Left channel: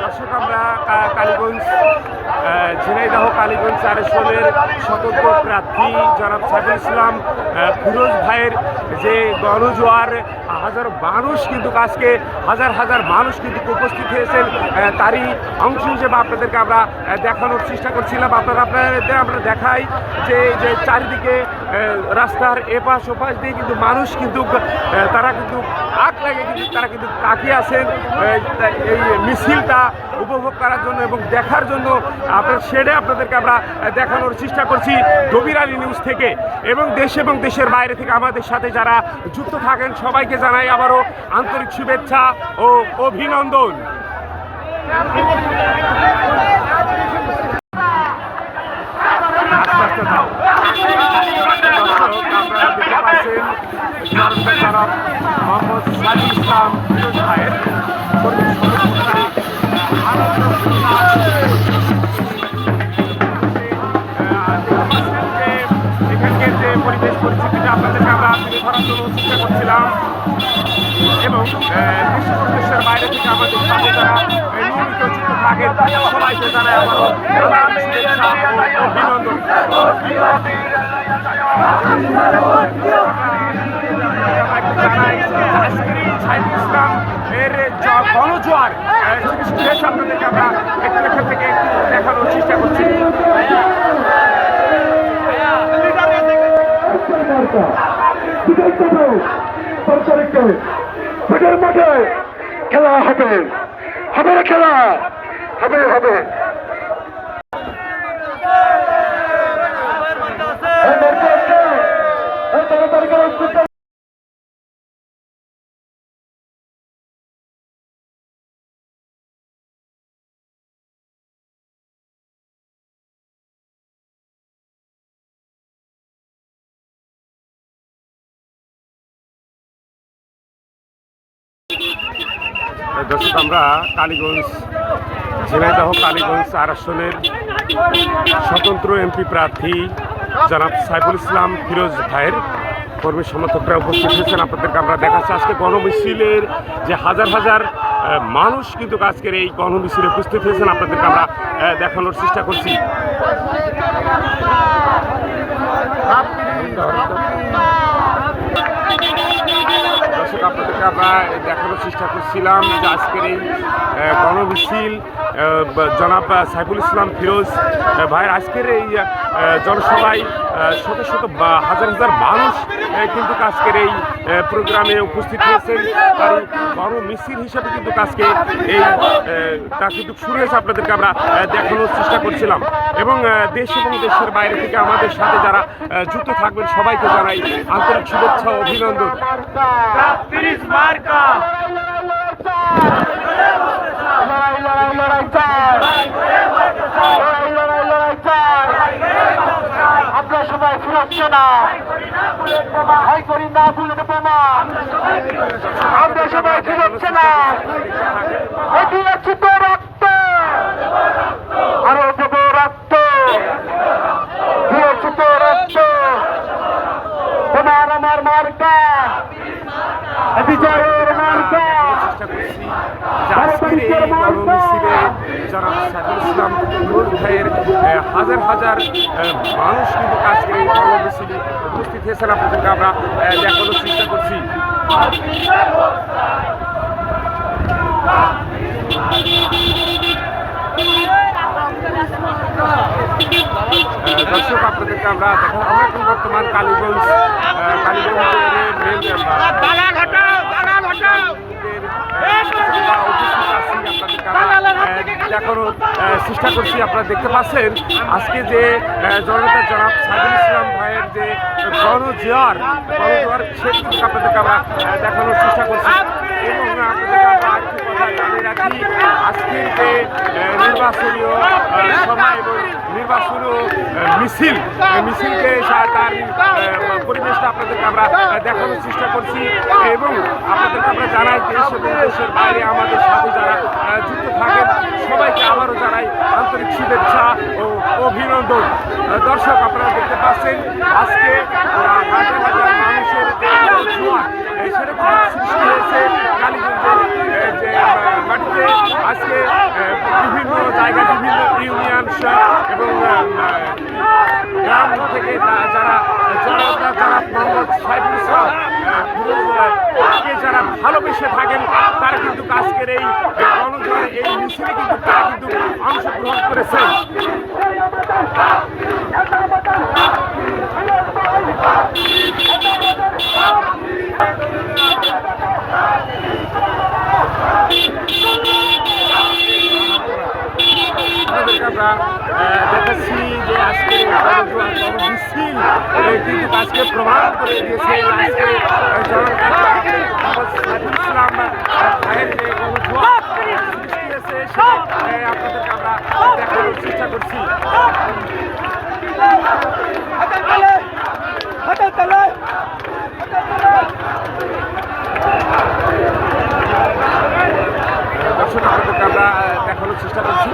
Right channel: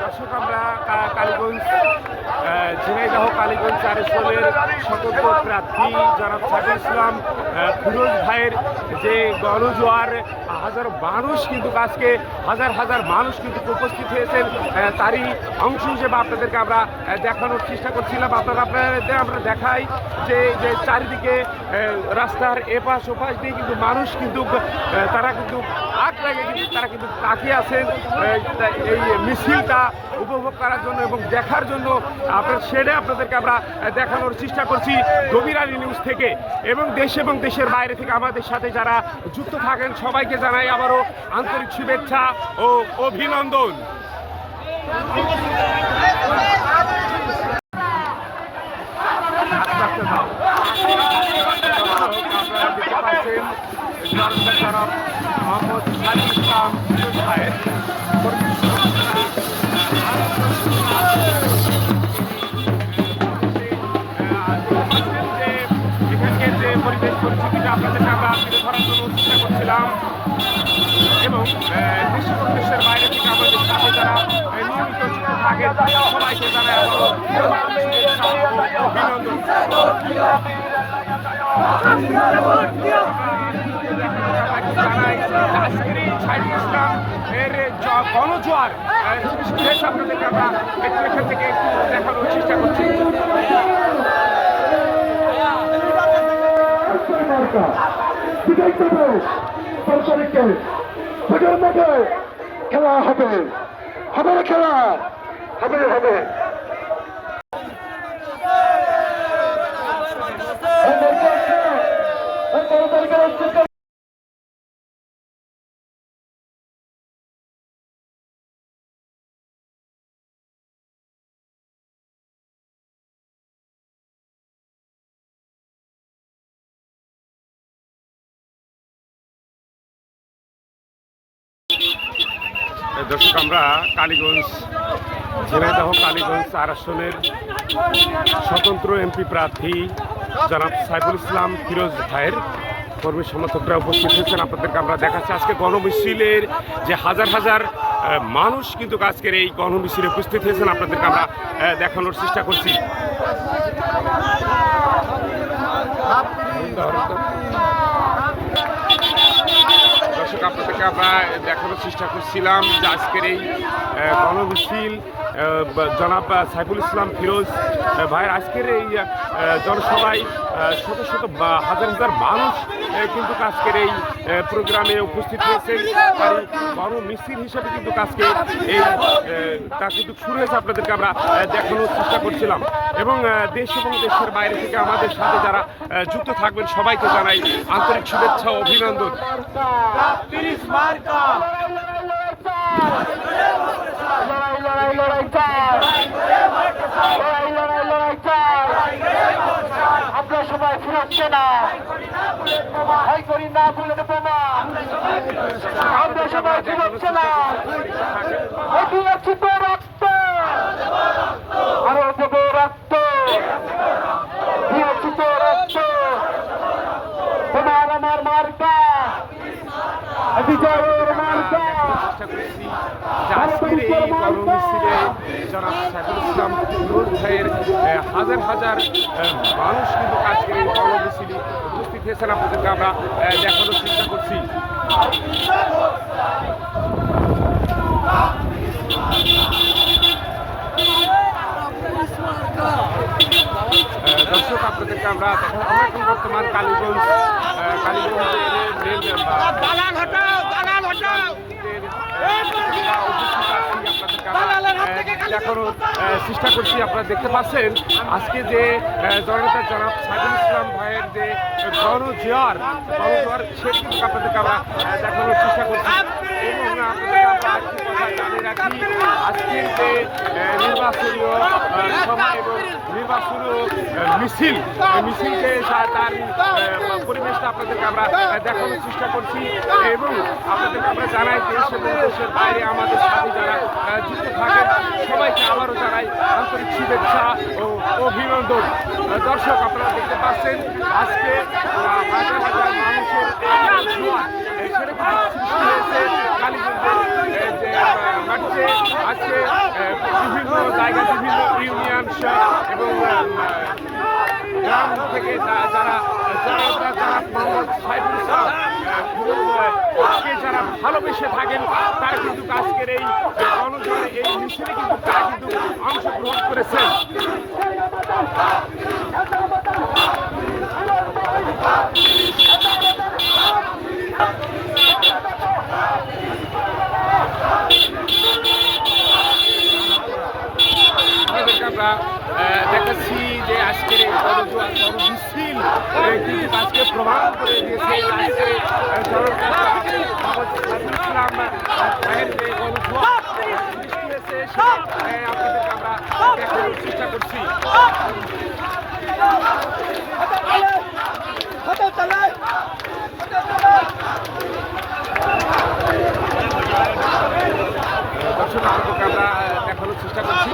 দর্শক, আমরা কালীগঞ্জ ঝিনাইদহ কালীগঞ্জ 4 আসনের স্বতন্ত্র প্রার্থী জনাব সাইফুল ইসলাম ফিরোজ ভাইয়ের যে গণজোয়ার, হাজার মানুষ কিন্তু আজকে হাজার মানুষ কিন্তু উপস্থিত হয়েছেন, তারই অংশ হিসেবে আপনাদেরকে আমরা দেখানোর চেষ্টা করছিলাম। আপনাদের আমরা দেখাই যে চারিদিকে রাস্তার এপাশ ওপাশ দিয়ে কিন্তু মানুষ কিন্তু তারা কিন্তু আগ লাগে কিন্তু তারা কিন্তু তাকিয়ে আছেন এই মিছিলটা উপভোগ করার জন্য এবং দেখার জন্য। আপনাদেরকে আমরা দেখানোর চেষ্টা করছি দবির আলী নিউজ থেকে, এবং দেশ এবং দেশের বাইরে থেকে আমাদের সাথে যারা যুক্ত থাকেন সবাইকে জানাই আবারও আন্তরিক শুভেচ্ছা ও অভিনন্দন। আস্তে আস্তে দাও। দর্শক, আপনারা দেখতে পাচ্ছেন জনাব মোহাম্মদ সাইফুল ইসলাম ফিরোজ ভাইয়ের এখানকার যে পরিবেশ পরিস্থিতিটা আপনাদেরকে আমরা তুলে ধরার জন্য চেষ্টা করছিলাম, এবং দেশের বাইরে থেকে আমাদের সাথে যারা নিয়মিত যুক্ত থাকেন সবাইকে জানাই আবারও শুভেচ্ছা ও অভিনন্দন। জানাই আজকের এই সাইফুল ইসলাম এর গণজোয়ার আপনাদেরকে আমরা একটু এখান থেকে একটু দেখানোর চেষ্টা করছি। খেলা হবে, খেলা হবে। দর্শক, আমরা কালীগঞ্জ ঝিনাইদহ কালীগঞ্জ 4 আসনের স্বতন্ত্র এমপি প্রার্থী জনাব সাইফুল ইসলাম ফিরোজ ভাইয়ের কর্মী সমর্থকরা উপস্থিত হয়েছেন। আপনাদেরকে আমরা দেখাচ্ছি আজকে গণমিছিলের যে হাজার মানুষ কিন্তু আজকের এই গণমিছিলে উপস্থিত হয়েছেন, আপনাদেরকে আমরা দেখানোর চেষ্টা করছি। দর্শক, আপনাদেরকে আমরা দেখানোর চেষ্টা করছিলাম যে আজকের এই গণমিছিল জনাব সাইফুল ইসলাম ফিরোজ ভাইয়ের আজকের এই জনসভায় শত হাজার মানুষ কিন্তু আজকের এই প্রোগ্রামে উপস্থিত হয়েছেন। তারই গণমিছিল হিসাবে কিন্তু আজকে তা কিন্তু শুরু হয়েছে, আপনাদেরকে আমরা দেখানোর চেষ্টা করছিলাম। এবং দেশ এবং দেশের বাইরে থেকে আমাদের সাথে যারা যুক্ত থাকবেন সবাইকে জানাই আন্তরিক শুভেচ্ছা ও অভিনন্দন। আপনার সবাই সুরক্ষা না ভয় করি না, ভুলে বোমা আমরা সবাই সুরক্ষা না। এটি হচ্ছে তো রক্ত, আরো দেব রক্ত, হচ্ছে তো রক্ত, তোমার আমার মার্কা বিজয়ের মার্কা। চেষ্টা করছি যে আজকের এই গণমিছিলে জনাব সাইফুল ইসলাম ফিরোজ ভাইয়ের হাজার মানুষ কিন্তু আজকের এই গণমিছিলে উপস্থিত হয়েছেন, আপনাদেরকে আমরা দেখানোর চেষ্টা করছি। দর্শক, আপনাদেরকে আমরা এখন বর্তমান কালীগঞ্জের রেল দেখানোর চেষ্টা করছি। আপনারা দেখতে পাচ্ছেন আজকে যে জনতার জনাব সাইফুল ইসলাম ভাইয়ের যে গণজোয়ার সে কিন্তু আপনাদেরকে আমরা দেখানোর চেষ্টা করছি। এবং আপনাদেরকে আমরা আরেকটি কথা জানিয়ে রাখি, আজকের যে নির্বাচনীয় সভা এবং নির্বাচনীয় মিছিলকে তার পরিবেশটা আপনাদেরকে আমরা দেখানোর চেষ্টা করছি। এবং আপনাদেরকে আমরা জানাই দেশ এবং দেশের বাইরে আমাদের সাথে যারা যুক্ত থাকেন সবাইকে আবারও জানাই আন্তরিক শুভেচ্ছা ও অভিনন্দন। দর্শক, আপনারা দেখতে পাচ্ছেন আজকে হাজার মানুষের যে জোয়ার সেরকম সৃষ্টি হয়েছে কালীগঞ্জের যে মাটিতে আজকে বিভিন্ন জায়গা বিভিন্ন ইউনিয়ন এবং গ্রাম থেকে যারা মোহাম্মদ সাইফুল ইসলাম ফিরোজকে যারা ভালোবেসে থাকেন তারা কিন্তু আজকের এই গণজোয়ার এই মিছিলে কিন্তু তারা কিন্তু অংশগ্রহণ করেছেন। আপনাদেরকে আমরা দেখাচ্ছি যে আজকে মিছিল কিন্তু আজকে প্রমাণ করে দিয়েছে আজকে ইসলাম ভাইয়ের যে গণজোয়ার সৃষ্টি হয়েছে আপনাদেরকে আমরা দেখানোর চেষ্টা করছি। দর্শক আপনাদেরকে আমরা দেখানোর চেষ্টা করছি।